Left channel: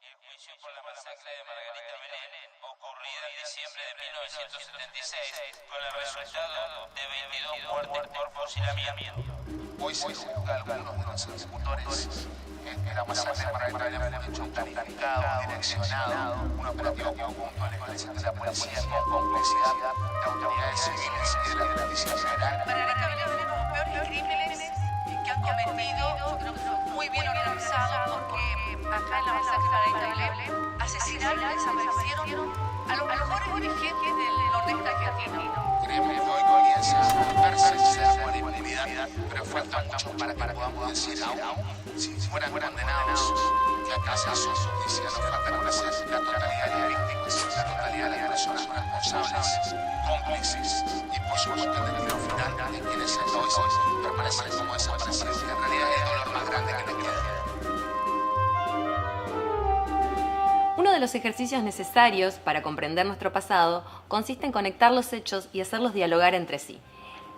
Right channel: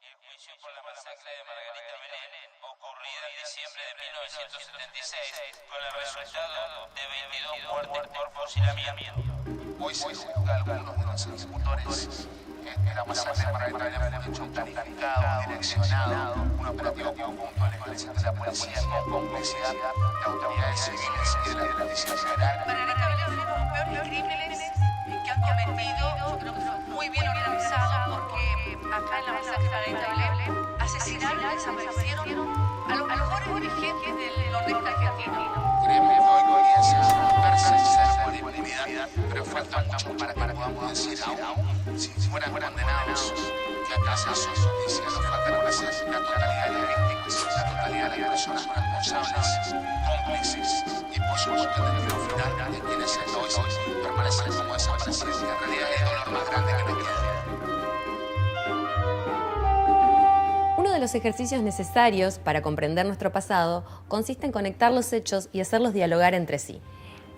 El juicio por la masacre de Margarita Belén, ocurrida en diciembre de 1976, con el resultado de 22 muertes por fusilamiento. Hoy se juzga a algunos de los ejecutores de la masacre de Margarita Belén fue un hecho planificado, direccionado, un operativo conjunto del ejército de la policía con complicidad de autoridades civiles y de la Justicia Federal. Margarita Belén fue uno de los peores crímenes que han cometido. Yo creo que fue muy bien organizado porque acá en la masacre de Margarita Belén asesinaron y desaparecieron a los mejores dirigentes del nordeste argentino. Creemos que hoy comienza a perseguirse por impunidad, pero falta mucho para que podamos decir aún si fueran condenados que acá se hizo justicia. Nos falta conocer la totalidad de las víctimas, la totalidad de las personas responsables, cómplices y por supuesto el destino final de quienes hasta hoy permanecen como desaparecidos, que en realidad es el dolor más grande que nos queda. Uno de los ejercicios necesarios para comprender nuestro pasado consiste en conectar los hechos y hacerlos dialogar entre sí.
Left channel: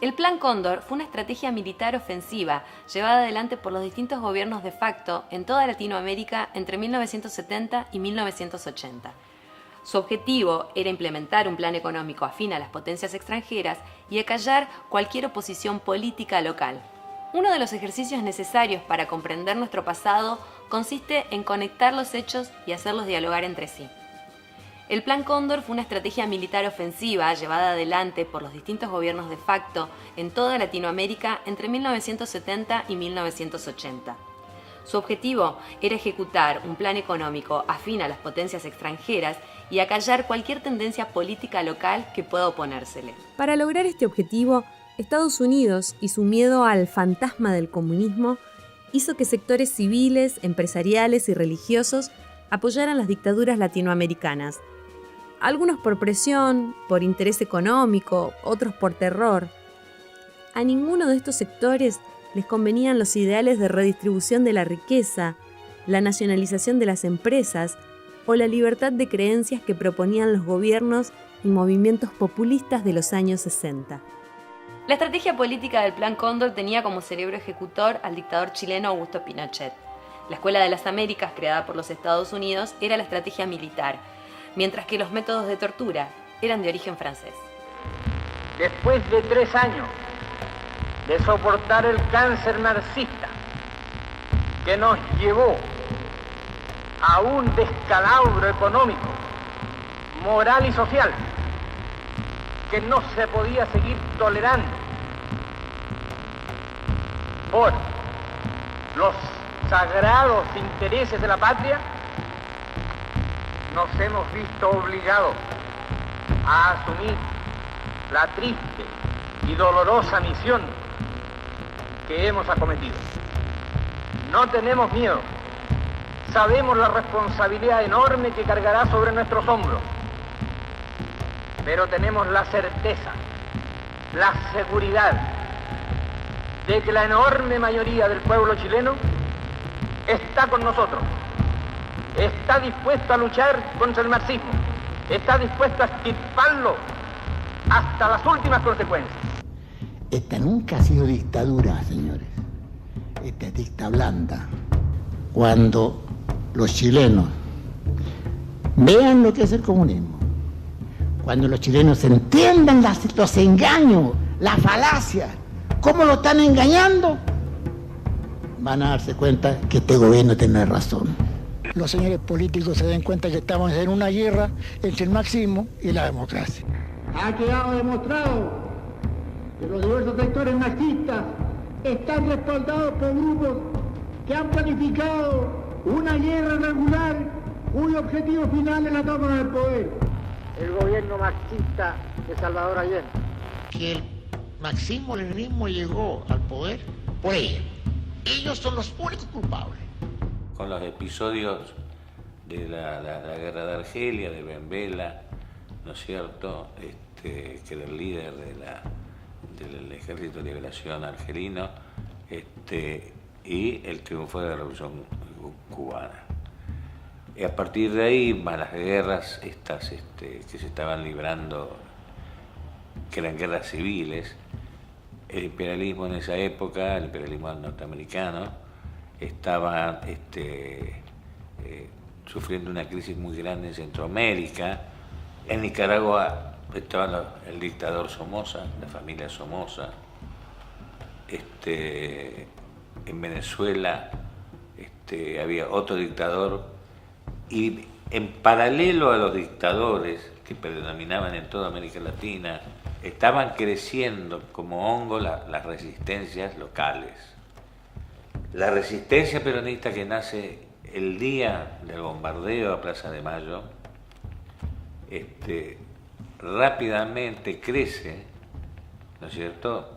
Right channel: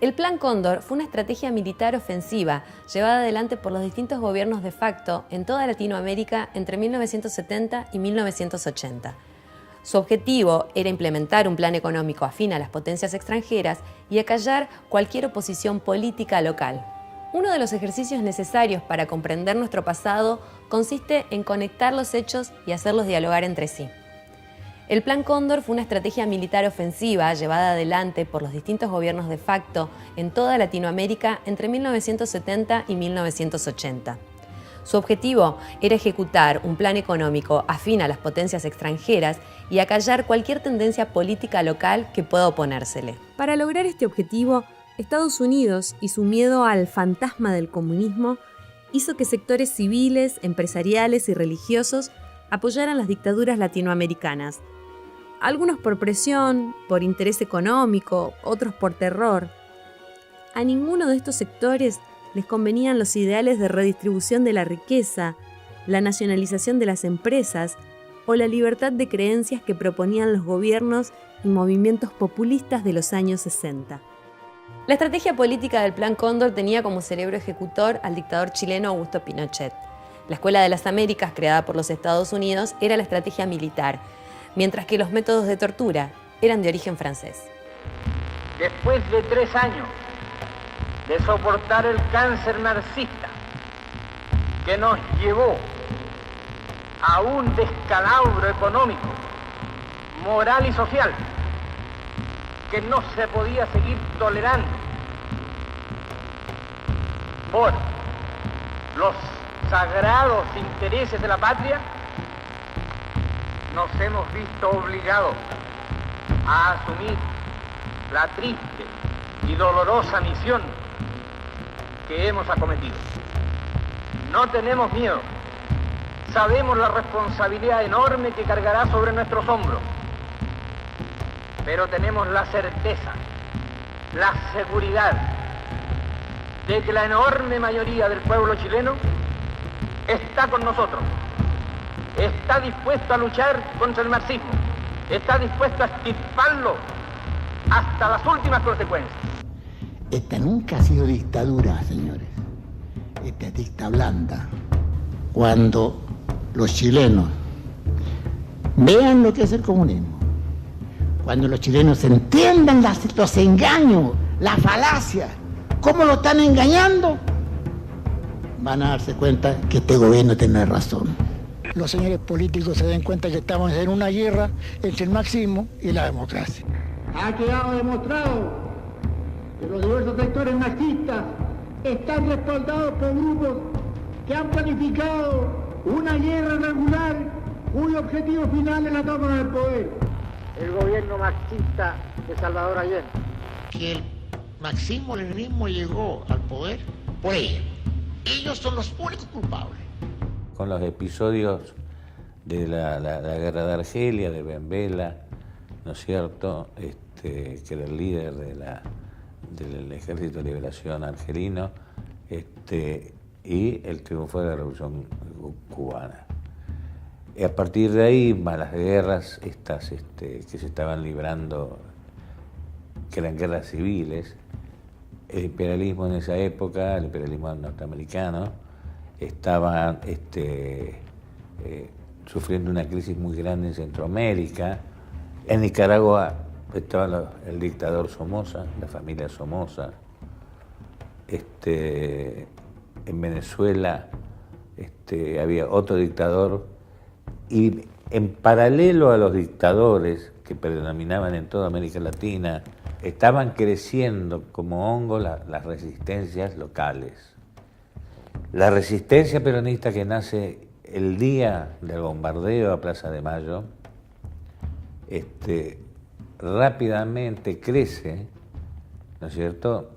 El Plan Cóndor fue una estrategia militar ofensiva llevada adelante por los distintos gobiernos de facto en toda Latinoamérica entre 1970 y 1980. Su objetivo era implementar un plan económico afín a las potencias extranjeras y acallar cualquier oposición política local. Uno de los ejercicios necesarios para comprender nuestro pasado consiste en conectar los hechos y hacerlos dialogar entre sí. El Plan Cóndor fue una estrategia militar ofensiva llevada adelante por los distintos gobiernos de facto en toda Latinoamérica entre 1970 y 1980. Su objetivo era ejecutar un plan económico afín a las potencias extranjeras y acallar cualquier tendencia política local que pueda oponérsele. Para lograr este objetivo, Estados Unidos y su miedo al fantasma del comunismo hizo que sectores civiles, empresariales y religiosos apoyaran las dictaduras latinoamericanas. Algunos por presión, por interés económico, otros por terror. A ninguno de estos sectores les convenían los ideales de redistribución de la riqueza, la nacionalización de las empresas o la libertad de creencias que proponían los gobiernos y movimientos populistas de los años 60. La estrategia política del Plan Cóndor tenía como cerebro ejecutor al dictador chileno Augusto Pinochet. La Escuela de las Américas, creada por los Estados Unidos, era la estrategia militar, mientras que los métodos de tortura eran de origen francés. Después de 3 años de soportar el cáncer marxista que nos llevó a un descalabro económico, moral y social que no se podía seguir tolerando por los sagrados intereses de la patria, nos hemos visto obligados a asumir la triste y dolorosa misión que hemos acometido. No tenemos miedo, sabemos la responsabilidad enorme que cargará sobre nuestros hombros, pero tenemos la certeza, la seguridad de que la enorme mayoría del pueblo chileno está con nosotros, está dispuesto a luchar contra el marxismo, está dispuesto a extirparlo hasta las últimas consecuencias. Esta nunca ha sido dictadura, señores. Esta es dicta blanda. Cuando los chilenos vean lo que es el comunismo, cuando los chilenos entiendan los engaños, las falacias, cómo lo están engañando, van a darse cuenta que este gobierno tiene razón. Los señores políticos se den cuenta que estamos en una guerra entre el marxismo y la democracia. Ha quedado demostrado que los diversos sectores marxistas están respaldados por grupos que han planificado una guerra irregular cuyo objetivo final es la toma del poder. El gobierno marxista de Salvador Allende. Que el marxismo-leninismo llegó al poder por ellos. Ellos son los únicos culpables. Con los episodios de la guerra de Argelia, de Ben Bella, ¿no es cierto?, que era el líder del Ejército de Liberación argelino, y el triunfo de la Revolución Cubana. Y a partir de ahí, más las guerras estas que se estaban librando, que eran guerras civiles, el imperialismo en esa época, el imperialismo norteamericano, estaba sufriendo una crisis muy grande en Centroamérica. En Nicaragua estaba el dictador Somoza, la familia Somoza. En Venezuela había otro dictador, y en paralelo a los dictadores que predominaban en toda América Latina, estaban creciendo como hongo las resistencias locales. La resistencia peronista que nace el día del bombardeo a Plaza de Mayo, rápidamente crece, ¿no es cierto?,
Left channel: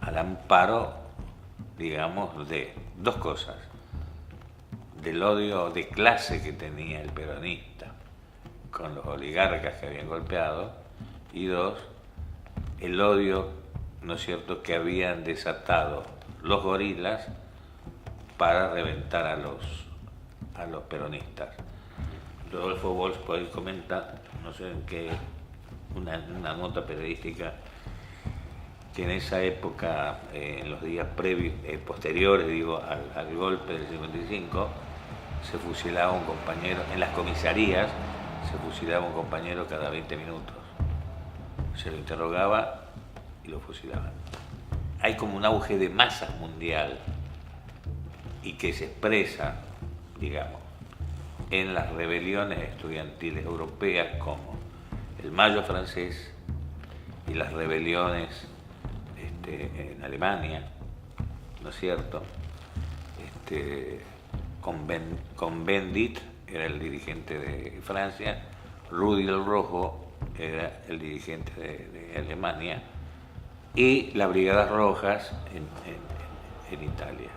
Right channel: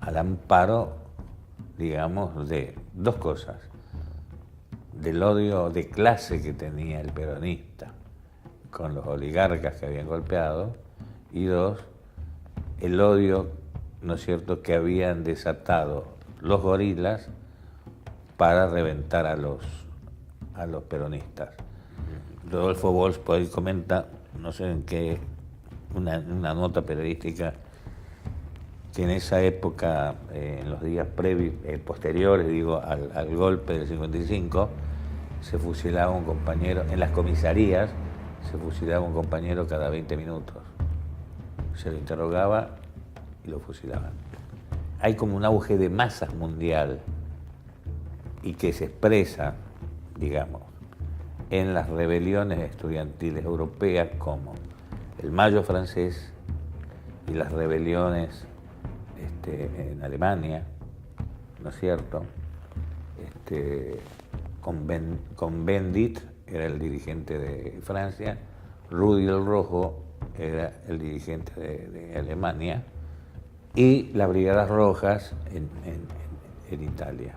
al amparo, digamos, de dos cosas: del odio de clase que tenía el peronista con los oligarcas que habían golpeado, y dos, el odio, ¿no es cierto?, que habían desatado los gorilas para reventar a los peronistas. Rodolfo Walsh por ahí comenta, no sé en qué, una nota periodística, que en esa época, en los días posteriores, digo, al golpe del 55, se fusilaba un compañero, en las comisarías se fusilaba un compañero cada 20 minutos. Se lo interrogaba y lo fusilaban. Hay como un auge de masas mundial, y que se expresa, digamos, en las rebeliones estudiantiles europeas, como el Mayo francés y las rebeliones en Alemania, ¿no es cierto? Con Bendit era el dirigente de Francia, Rudy el Rojo era el dirigente de Alemania, y las Brigadas Rojas en Italia.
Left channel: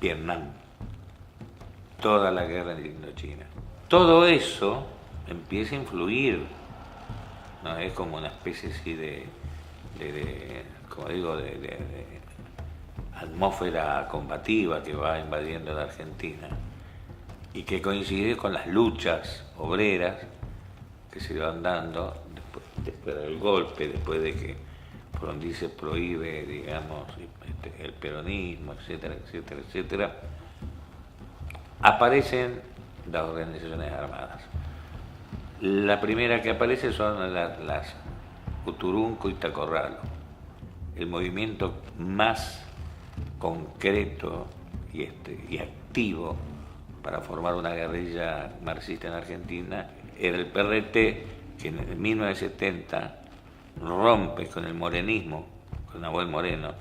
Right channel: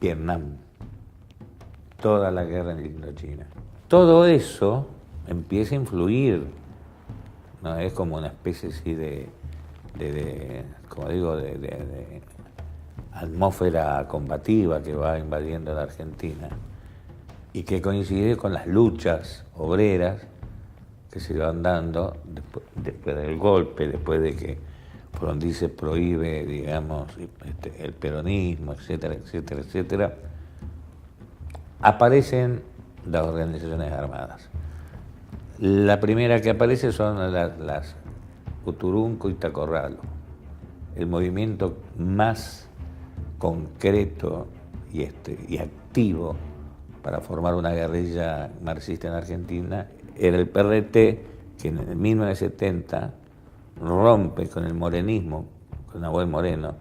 Vietnam, toda la guerra en Indochina. Todo eso empieza a influir, ¿no? Es como una especie así de como digo, de atmósfera combativa que va invadiendo la Argentina, y que coincide con las luchas obreras que se van dando después del golpe, después de que Frondizi se prohíbe, digamos, el peronismo, etcétera, etcétera, etcétera. Aparecen las organizaciones armadas. La primera que aparece son las Uturunco y Tacorralo, el movimiento más concreto y activo para formar una guerrilla marxista en Argentina era el PRT, que en 1970 rompe con el morenismo, con Nahuel Moreno,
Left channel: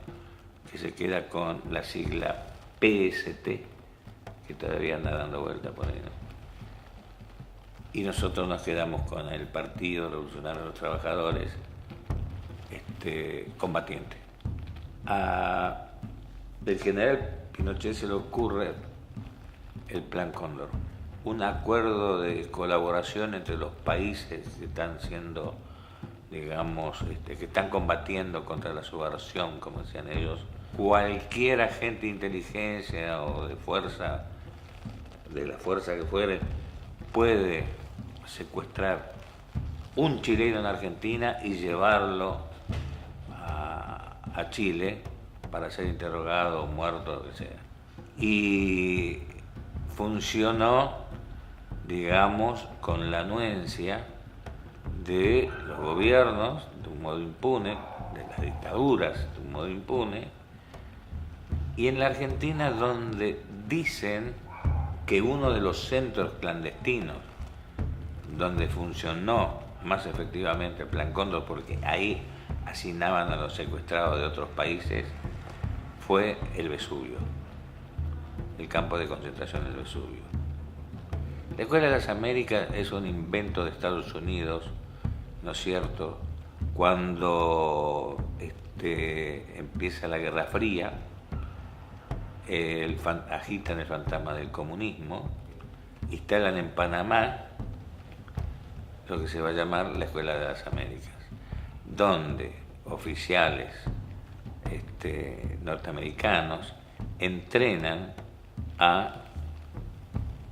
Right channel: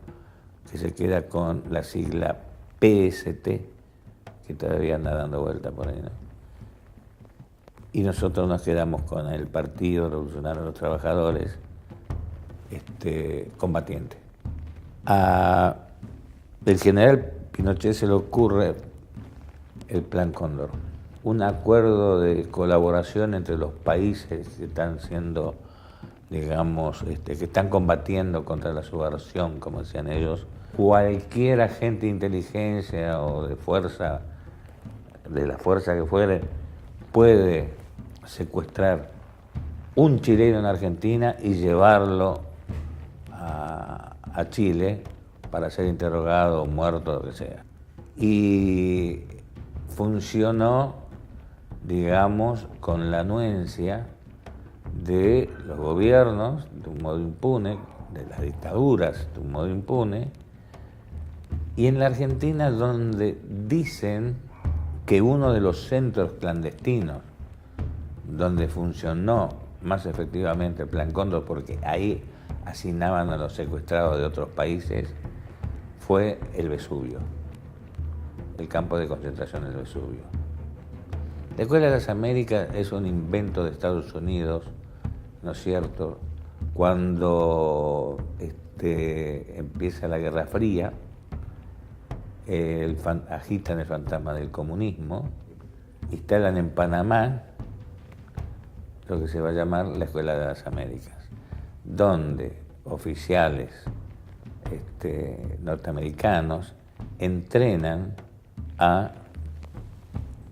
que se queda con la sigla PST, que todavía anda dando vuelta por ahí, ¿no? Y nosotros nos quedamos con el Partido Revolucionario de los Trabajadores, combatiente. El general Pinochet se le ocurre el Plan Cóndor, un acuerdo de colaboración entre los países que están siendo, digamos, que están combatiendo contra la subversión, como decían ellos. Cualquier agente de inteligencia o de fuerza, de la fuerza que fuere, puede secuestrar un chileno en Argentina y llevarlo a Chile para ser interrogado, muerto, lo que sea. Y funcionó, digamos, con la anuencia de los gobiernos, de un modo impune, de las dictaduras, de un modo impune, y en la Argentina, donde dicen que uno de los centros clandestinos donde funcionó más efectivamente el Plan Cóndor, porque ahí asignaban a los secuestrados de otros países, fue el Vesubio, el campo de concentración del Vesubio. La Escuela de las Américas es un invento de Estados Unidos, ¿no es cierto? Cuando empieza la Guerra Fría, agitan el fantasma del comunismo, instalan en Panamá lo que se va a llamar la Escuela de las Américas, donde oficiales norteamericanos entrenan a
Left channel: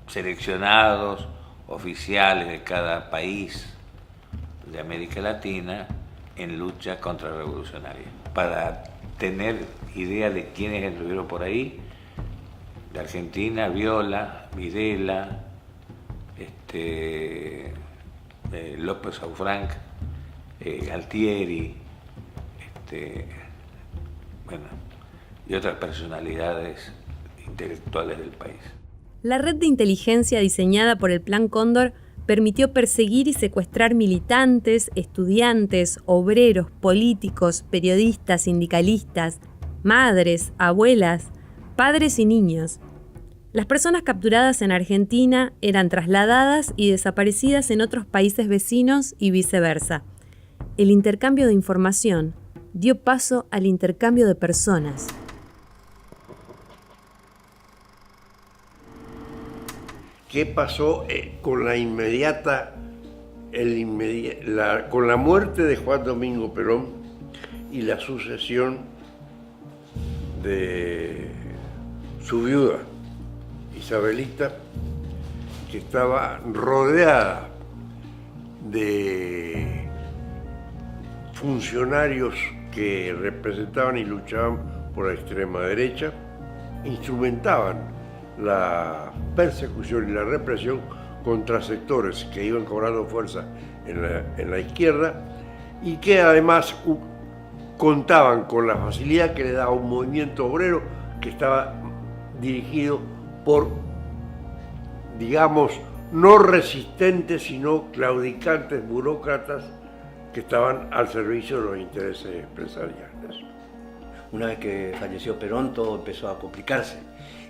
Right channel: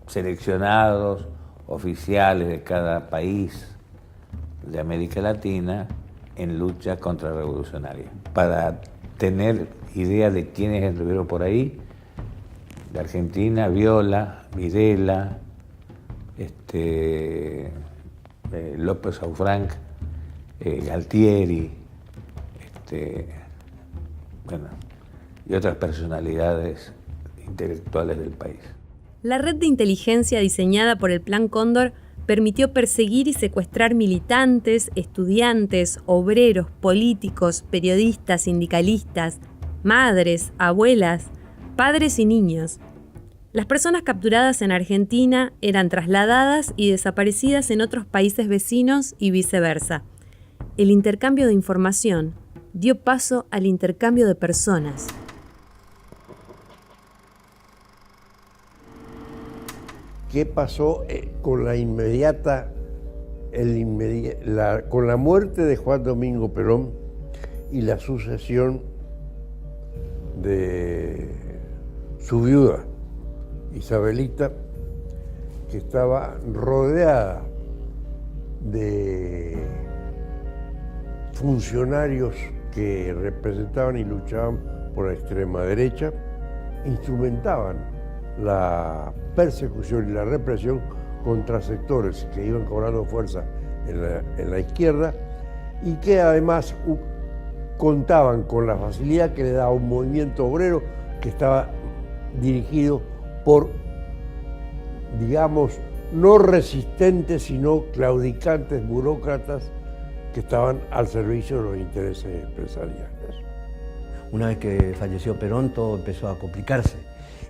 seleccionados oficiales de cada país de América Latina en lucha contrarrevolucionaria, para tener idea de quiénes estuvieron por ahí. De Argentina, Viola, Videla, López Aufranc, Galtieri, y otras personalidades intelectuales del país. La red de inteligencia diseñada por el Plan Cóndor permitió perseguir y secuestrar militantes, estudiantes, obreros, políticos, periodistas, sindicalistas, madres, abuelas, padres y niños. Las personas capturadas en Argentina eran trasladadas y desaparecidas en otros países vecinos y viceversa. El intercambio de información dio paso al intercambio de personas. ¿Qué pasó con con la muerte de Juan Domingo Perón y la sucesión de su viuda, Isabelita, que estaba rodeada de funcionarios que representaban y luchaban por la extrema derecha, instrumentaban la persecución y la represión contra sectores que iban cobrando fuerza en la izquierda y que además contaban con la facilidad que le daba un movimiento obrero que estaba dirigido por, digamos, no resistentes, sino claudicantes burócratas que estaban al servicio de los intereses empresariales. Una vez que falleció Perón, todo empezó a complicarse.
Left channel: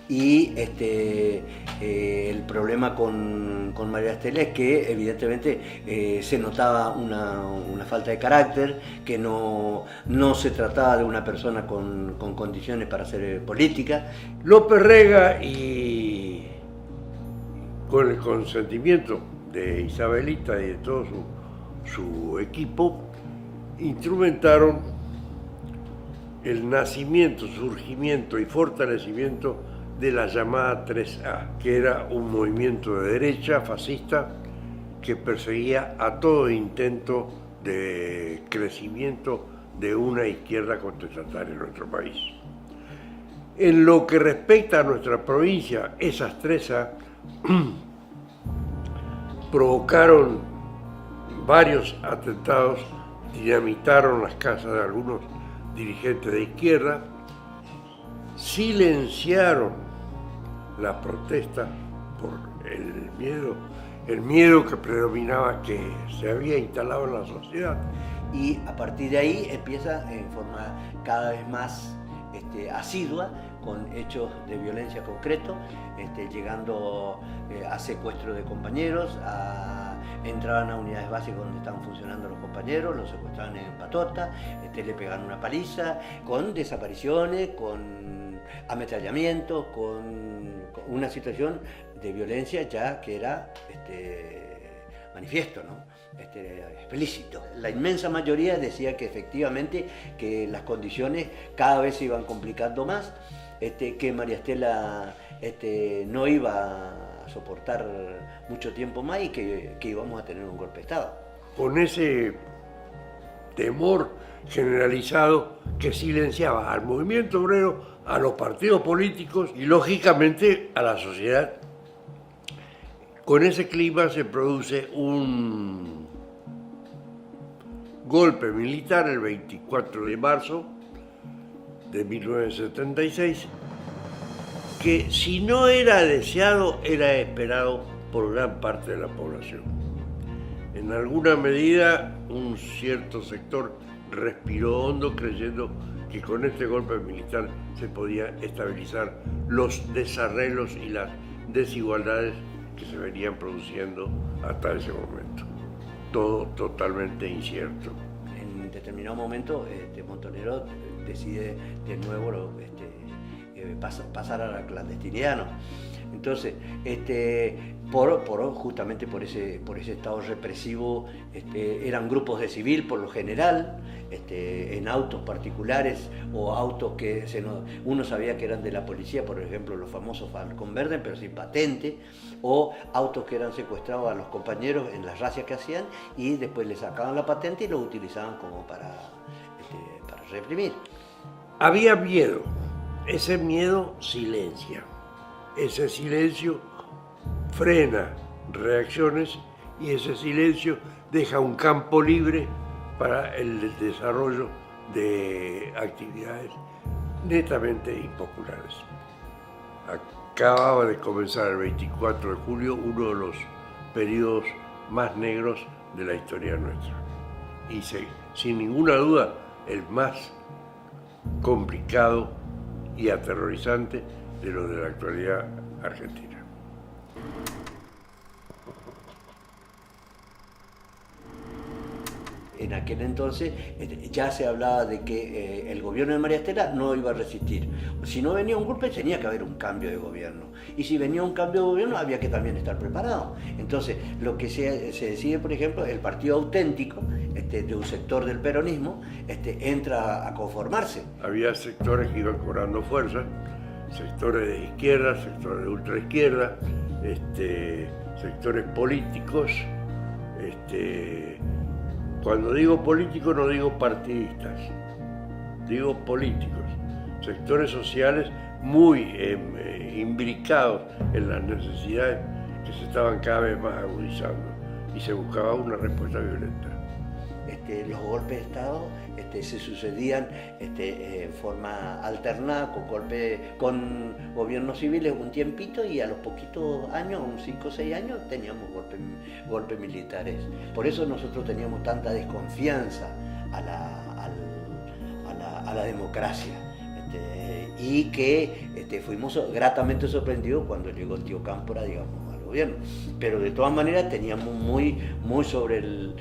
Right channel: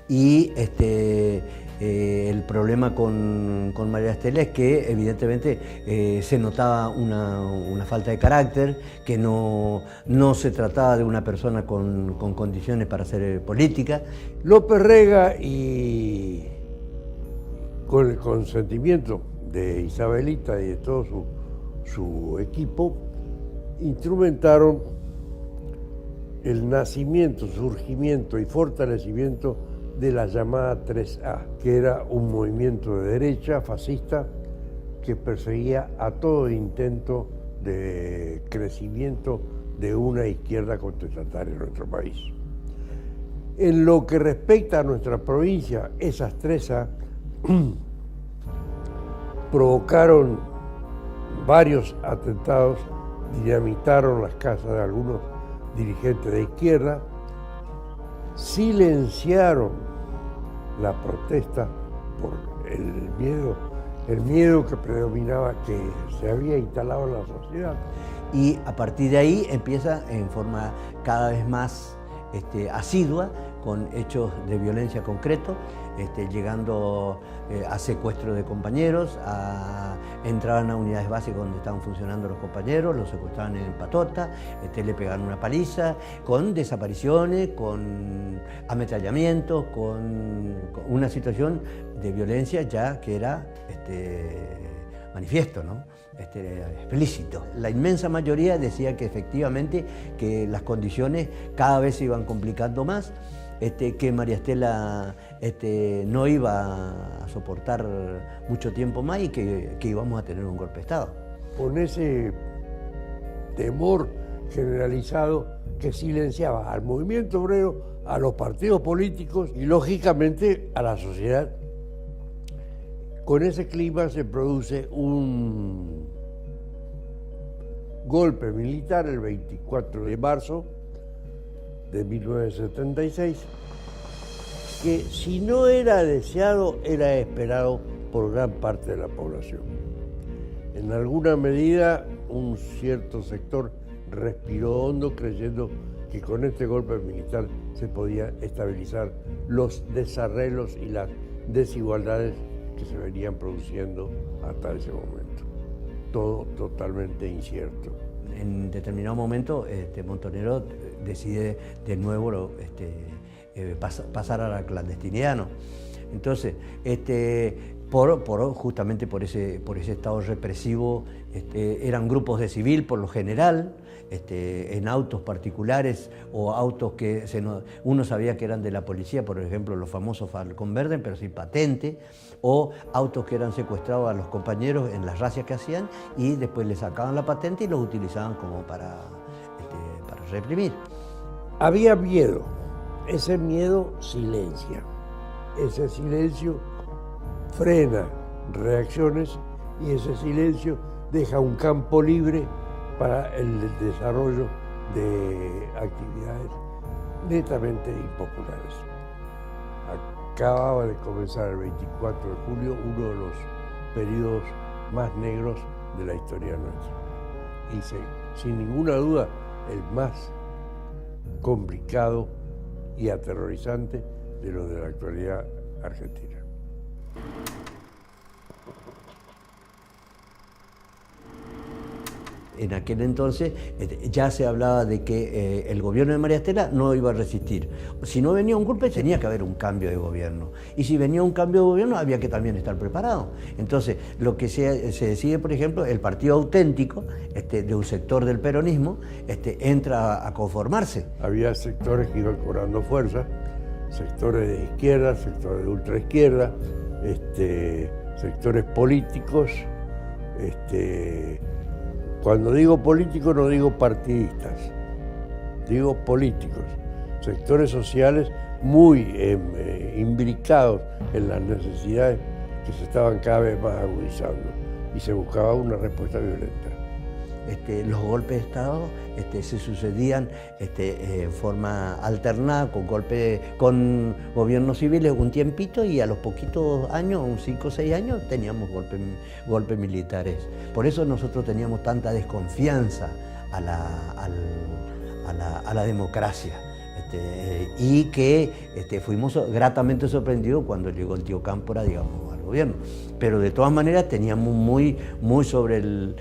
Y el problema con María Estela es que evidentemente se notaba una falta de carácter, que no se trataba de una persona con condiciones para hacer política. López Rega, y con el consentimiento de Isabelita y de todo su equipo, instrumentaron el nacimiento, surgimiento y fortalecimiento de la llamada 3A, que era un movimiento de derecha fascista que perseguía a todo intento de crecimiento de una izquierda contestataria en nuestro país. En lo que respecta a nuestra provincia, esas 3A provocaron varios atentados, dinamitaron las casas de algunos dirigentes de izquierda, silenciaron la protesta por el miedo que predominaba, que se había instalado en la sociedad. Y a partir de ahí empieza en forma cada vez más asidua, con hechos de violencia concretos, llegando a secuestro de compañeros, entraban a unidades básicas donde estaban funcionando los compañeros, los secuestraban en patota, le pegaban una paliza, con desapariciones, con ametrallamientos, con una situación de violencia ya que era manifiesto, ¿no? Explícito. La inmensa mayoría decía que efectivamente que las condiciones cada vez se iban complicando más, que María Estela no iba a soportar mucho tiempo más y que íbamos a tener un golpe de Estado. Con ese temor generalizado que silenciaba al movimiento obrero, a los partidos políticos y lógicamente a la sociedad. Con ese clima se produce un golpe militar el 24 de marzo de 1976, que si no era deseado, era esperado por gran parte de la población. En alguna medida, un cierto sector respiró hondo creyendo que con este golpe militar se podía estabilizar los desarreglos y las desigualdades que se venían produciendo hasta ese momento. Todo totalmente incierto. En determinado momento, Montonero decide de nuevo pasar a la clandestinidad, ¿no? Entonces, justamente por ese estado represivo, eran grupos de civil por lo general, en autos particulares o autos que uno sabía que eran de la policía, por ejemplo los famosos Falcón Verde, pero sin patente, o autos que eran secuestrados a los compañeros en las razias que hacían y después les sacaban la patente y los utilizaban como para reprimir. Había miedo, ese miedo silencia, ese silencio frena reacciones y ese silencio deja un campo libre para el desarrollo de actividades netamente impopulares. Acababa de comenzar el 24 de julio uno de los periodos más negros de la historia nuestra y sin ninguna duda el más complicado y aterrorizante de los de la actualidad argentina. En aquel entonces ya se hablaba de que el gobierno de María Estela no iba a resistir. Si no venía un golpe, tenía que haber un cambio de gobierno. Y si venía un cambio de gobierno, había que también estar preparado. Entonces, lo que se decide, por ejemplo, el partido auténtico de un sector del peronismo entra a conformarse. Había sectores que iban cobrando fuerza, sectores de izquierda, sectores de ultraizquierda, sectores políticos. Cuando digo políticos no digo partidistas, digo políticos, sectores sociales muy imbricados en las necesidades que se estaban cada vez más agudizando y se buscaba una respuesta violenta. Los golpes de Estado se sucedían en forma alternada, con gobiernos civiles un tiempito y a los poquitos años, unos 5 o 6 años, teníamos golpes militares. Por eso nosotros teníamos tanta desconfianza a la democracia. Y que fuimos gratamente sorprendidos cuando llegó el tío Cámpora, digamos, al gobierno. Pero de todas maneras teníamos muy sobre el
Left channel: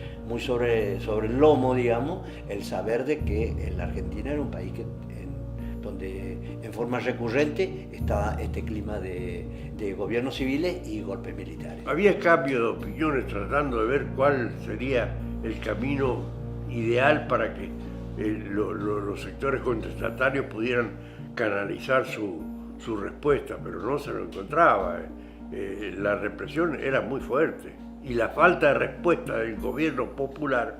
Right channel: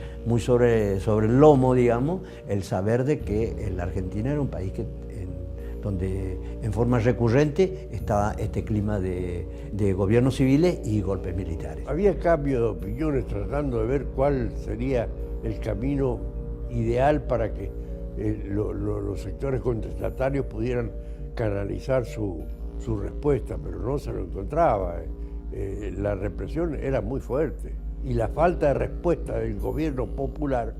lomo, digamos, el saber de que la Argentina era un país donde en forma recurrente estaba este clima de gobiernos civiles y golpes militares. Había cambio de opiniones tratando de ver cuál sería el camino ideal para que los sectores contestatarios pudieran canalizar su respuesta, pero no se lo encontraba. La represión era muy fuerte y la falta de respuesta del gobierno popular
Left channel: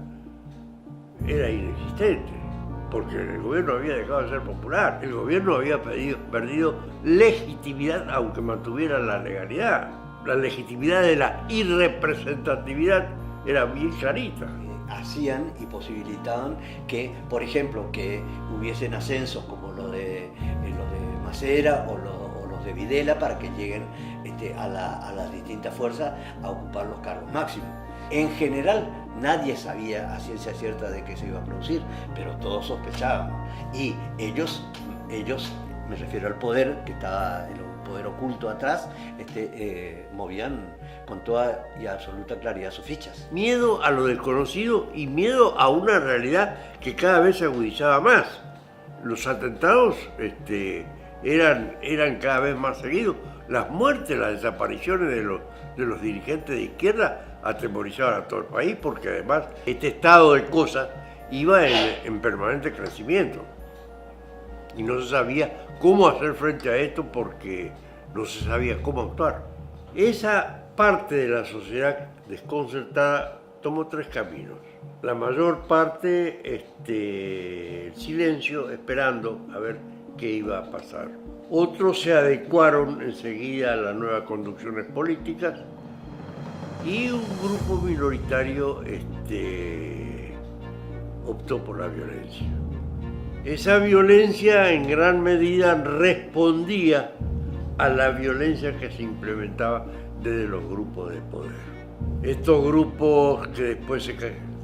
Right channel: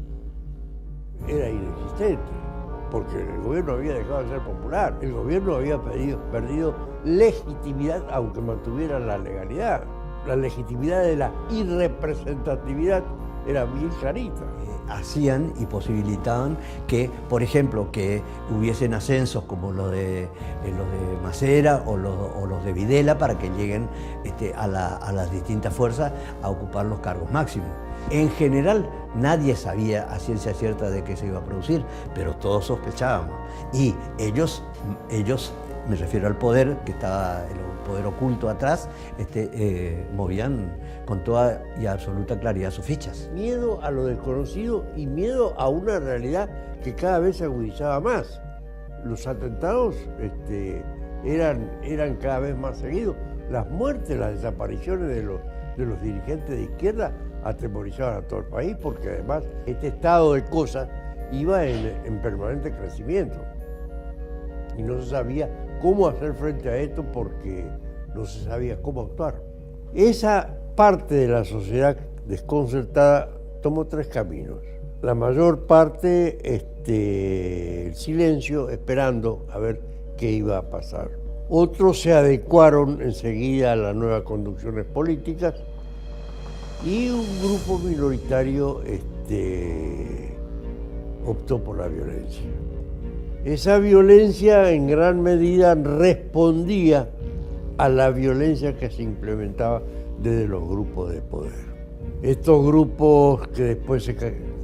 era inexistente, porque el gobierno había dejado de ser popular, el gobierno había perdido legitimidad, aunque mantuviera la legalidad. La legitimidad de la irrepresentatividad era bien clarita. Hacían y posibilitaban que, por ejemplo, que hubiesen ascensos como los de Macera o los de Videla para que lleguen a las distintas fuerzas a ocupar los cargos máximos. En general, nadie sabía a ciencia cierta de qué se iba a producir, pero todos sospechábamos. Y ellos, me refiero al poder, que estaba el poder oculto atrás, movían con toda y absoluta claridad sus fichas. Miedo a lo desconocido y miedo a una realidad que cada vez se agudizaba más. Los atentados eran cada vez más seguidos. Las muertes, las desapariciones de los dirigentes de izquierda atemorizaban a todo el país, porque además este estado de cosas iba en permanente crecimiento. Y no se sabía cómo hacer frente a esto porque no se sabía cómo actuar. Esa parte de la sociedad desconcertada tomó 3 caminos. La mayor parte, el silencio, esperando a ver qué iba a pasar. Otros se adecuaron enseguida a las nuevas conducciones políticas y un grupo minoritario optó por la violencia. Esa violencia en gran medida respondía a la violencia que se implementaba desde los grupos de poder. Estos grupos que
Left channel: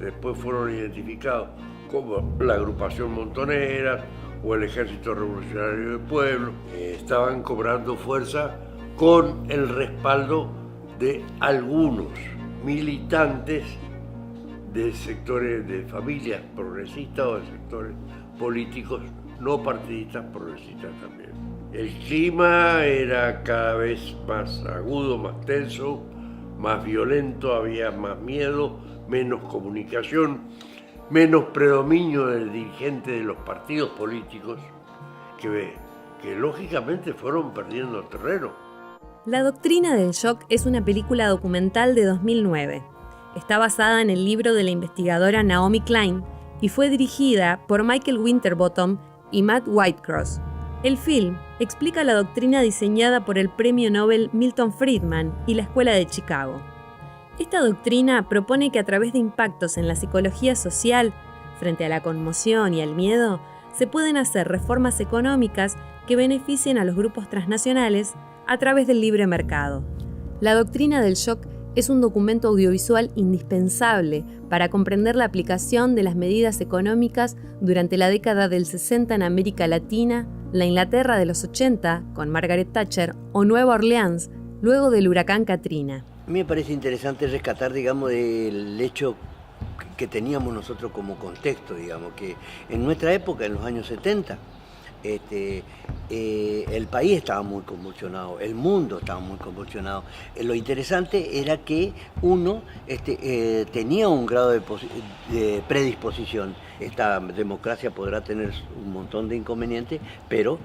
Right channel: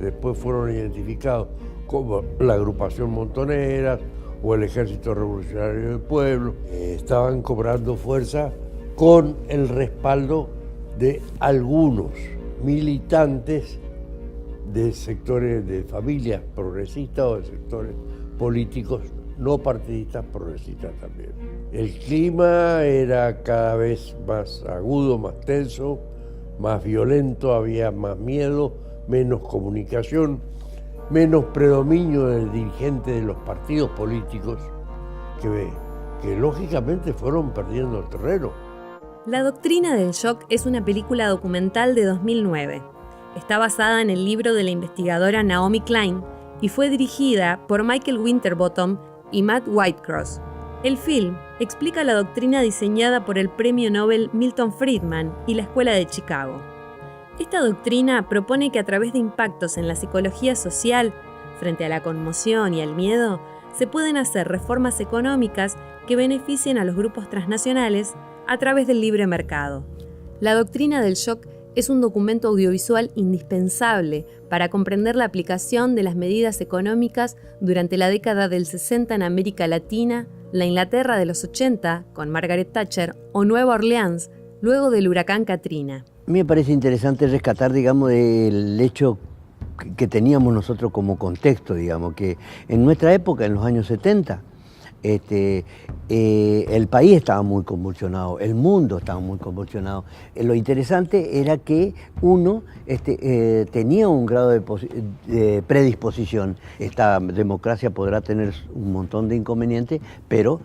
después fueron identificados como la agrupación Montoneras o el Ejército Revolucionario del Pueblo, estaban cobrando fuerza con el respaldo de algunos militantes de sectores de familias progresistas o de sectores políticos no partidistas progresistas también. El clima era cada vez más agudo, más tenso, más violento, había más miedo, menos comunicación, menos predominio del dirigente de los partidos políticos que lógicamente fueron perdiendo terreno. La doctrina del shock es una película documental de 2009. Está basada en el libro de la investigadora Naomi Klein y fue dirigida por Michael Winterbottom y Matt Whitecross. El film explica la doctrina diseñada por el premio Nobel Milton Friedman y la Escuela de Chicago. Esta doctrina propone que a través de impactos en la psicología social, frente a la conmoción y al miedo, se pueden hacer reformas económicas que beneficien a los grupos transnacionales a través del libre mercado. La doctrina del shock es un documento audiovisual indispensable para comprender la aplicación de las medidas económicas durante la década del 60 en América Latina, la Inglaterra de los 80, con Margaret Thatcher, o Nueva Orleans, luego del huracán Katrina. A mí me parece interesante rescatar, digamos, el hecho que teníamos nosotros como contexto, digamos, que en nuestra época, en los años 70, el país estaba muy convulsionado, el mundo estaba muy convulsionado. Lo interesante era que uno tenía un grado de predisposición. Esta democracia podrá tener un montón de inconvenientes, pero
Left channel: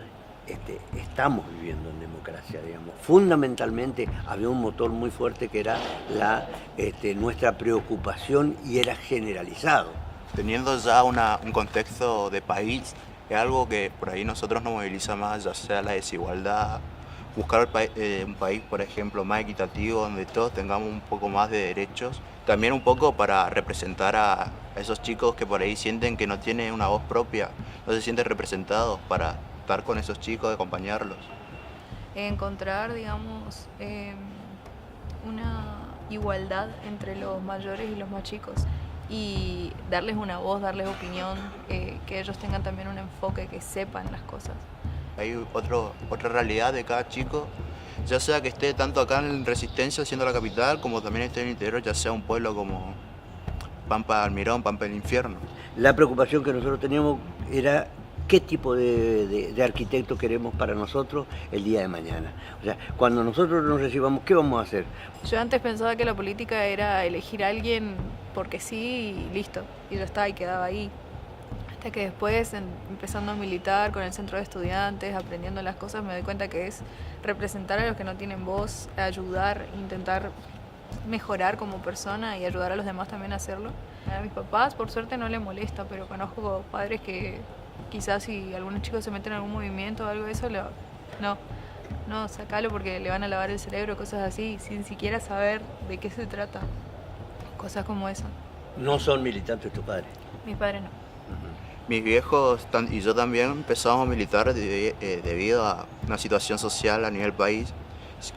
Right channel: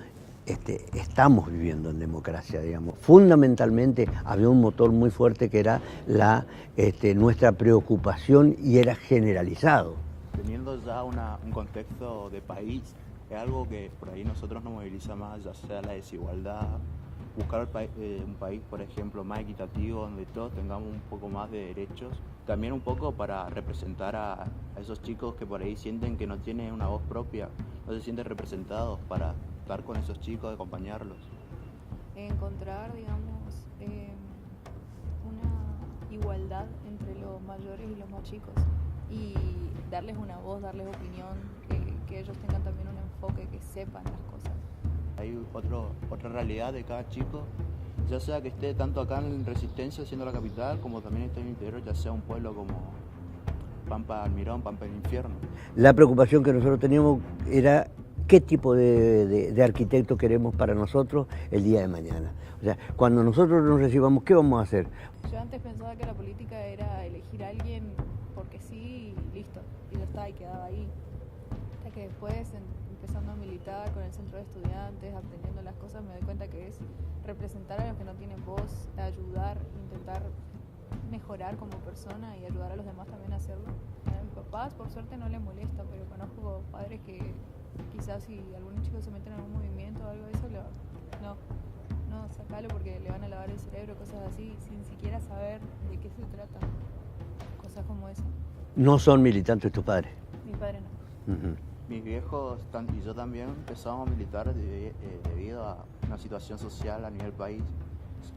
estamos viviendo en democracia, digamos. Fundamentalmente había un motor muy fuerte que era nuestra preocupación y era generalizado. Teniendo ya un contexto de país, es algo que por ahí nosotros nos moviliza más, ya sea la desigualdad, buscar un país, por ejemplo, más equitativo, donde todos tengamos un poco más de derechos. También un poco para representar a esos chicos que por ahí sienten que no tienen una voz propia, no se sienten representados, para estar con esos chicos, acompañarlos. Encontrar, digamos, una igualdad entre los mayores y los más chicos y darles una voz, darles opinión, que ellos tengan también un enfoque, que sepan las cosas. Hay otra realidad de cada chico, ya sea que esté tanto acá en Resistencia, siendo la capital, como también esté en el interior, ya sea un pueblo como Pampa Almirón, Pampa del Infierno. La preocupación que nosotros teníamos era qué tipo de arquitecto queremos para nosotros el día de mañana. O sea, cuando nosotros nos recibamos, ¿qué vamos a hacer? Yo antes pensaba que la política era elegir a alguien porque sí y listo, y ya está, y quedaba ahí. Hasta que después, empezando a militar con el centro de estudiantes, aprendiendo las cosas, me doy cuenta que es representar a los que no tienen voz, ayudar, intentar mejorar como persona y ayudar a los demás también a hacerlo. A mis papás, por suerte, no les molesta, pero conozco padres que quizás si algunos chicos se meten en algún movimiento o algo de eso, no, sacalo porque le van a lavar el cerebro, cosas así, sin siquiera saber de qué se trata. Cosas como esa. ¿No son militantes tus padres? Mis padres no. Uh-huh. Mis viejos y yo también empezamos a militar debido a una situación social a nivel país.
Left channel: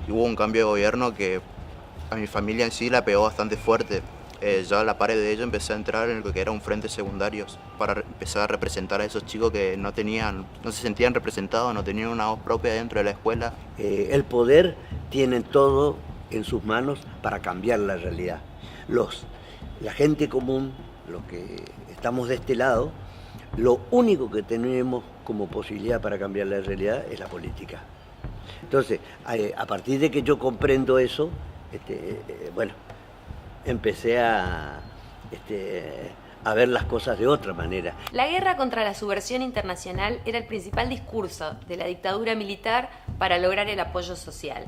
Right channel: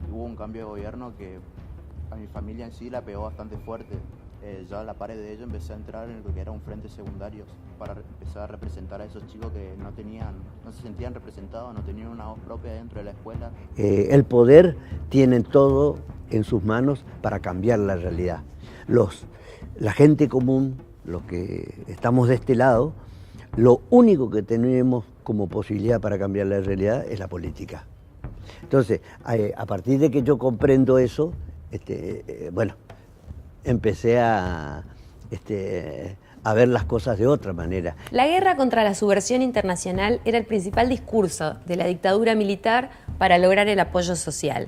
Hubo un cambio de gobierno que a mi familia en sí la pegó bastante fuerte. Yo a la par de ello empecé a entrar en lo que era un frente secundario para empezar a representar a esos chicos que no se sentían representados, no tenían una voz propia dentro de la escuela. El poder tiene todo en sus manos para cambiar la realidad. La gente común, los que estamos de este lado, lo único que tenemos como posibilidad para cambiar la realidad es la política. Entonces, a partir de que yo comprendo eso, empecé a ver las cosas de otra manera. La guerra contra la subversión internacional era el principal discurso de la dictadura militar para lograr el apoyo social.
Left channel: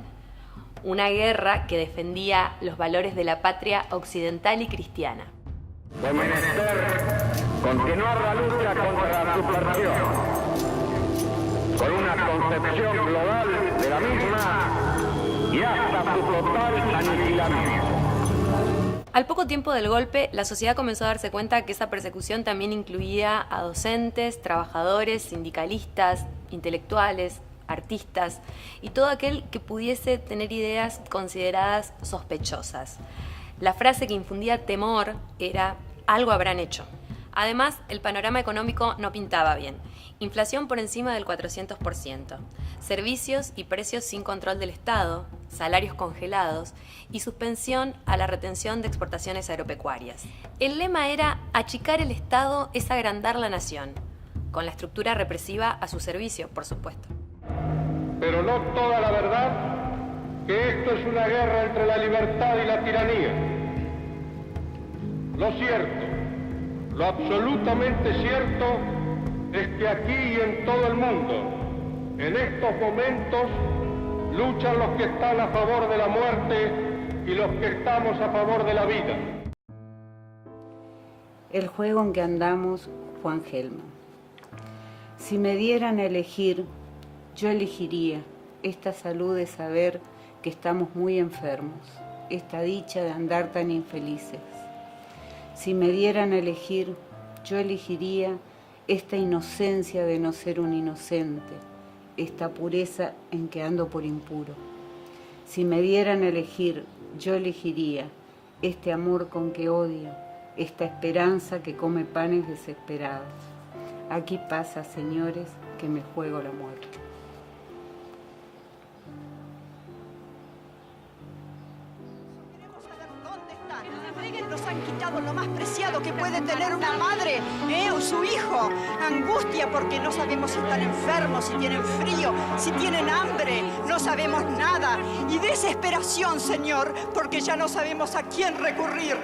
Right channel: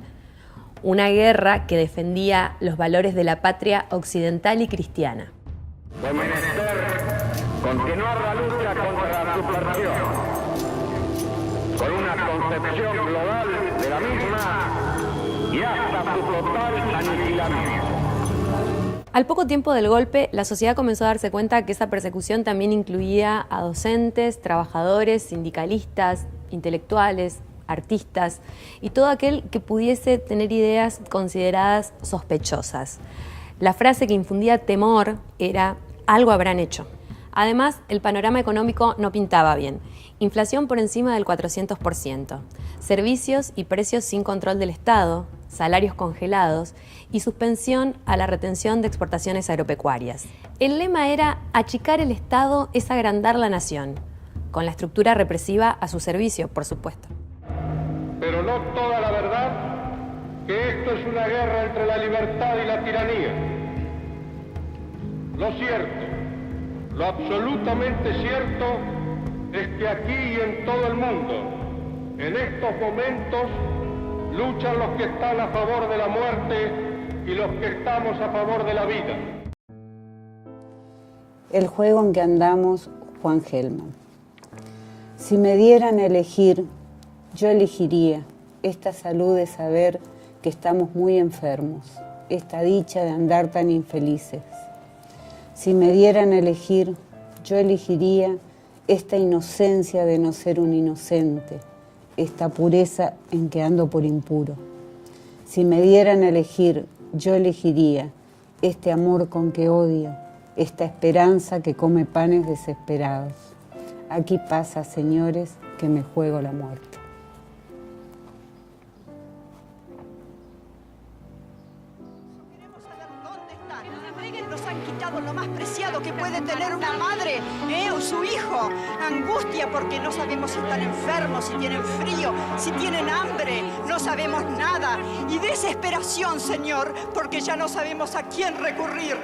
Una guerra que defendía los valores de la patria occidental y cristiana. De menester continuar la lucha contra la subversión, con una concepción global de la misma y hasta su total aniquilamiento. Al poco tiempo del golpe, la sociedad comenzó a darse cuenta que esa persecución también incluía a docentes, trabajadores, sindicalistas, intelectuales, artistas y todo aquel que pudiese tener ideas consideradas sospechosas. La frase que infundía temor era «algo habrán hecho». Además, el panorama económico no pintaba bien. Inflación por encima del 400%, servicios y precios sin control del Estado, salarios congelados y suspensión a la retención de exportaciones agropecuarias. El lema era «achicar el Estado es agrandar la nación», con la estructura represiva a su servicio, por supuesto. Pero no toda la verdad que esto es una guerra entre la libertad y la tiranía. Lo cierto, lo absolutamente cierto, es que aquí y en todo el mundo, en estos momentos, luchan los que están a favor de la muerte y los que estamos a favor de la vida. El juego en que andamos, Juan Gelman. Si me dieran a elegir, yo elegiría esta salud de saber que estamos muy enfermos, esta dicha de andar tan infelices. Si me dieran a elegir, yo elegiría esta inocencia de no ser un inocente, esta pureza en que ando por impuro. Si me dieran a elegir, yo elegiría este amor con que odio, esta esperanza que come panes desesperados. Aquí pasa, señores, que me juego la muerte. Nos han quitado lo más preciado que puede tener una madre, o su hijo. Angustia porque no sabemos si están enfermos, si tienen frío, si tienen hambre, no sabemos nada. Y desesperación, Señor, porque ya no sabemos a quién recurrir.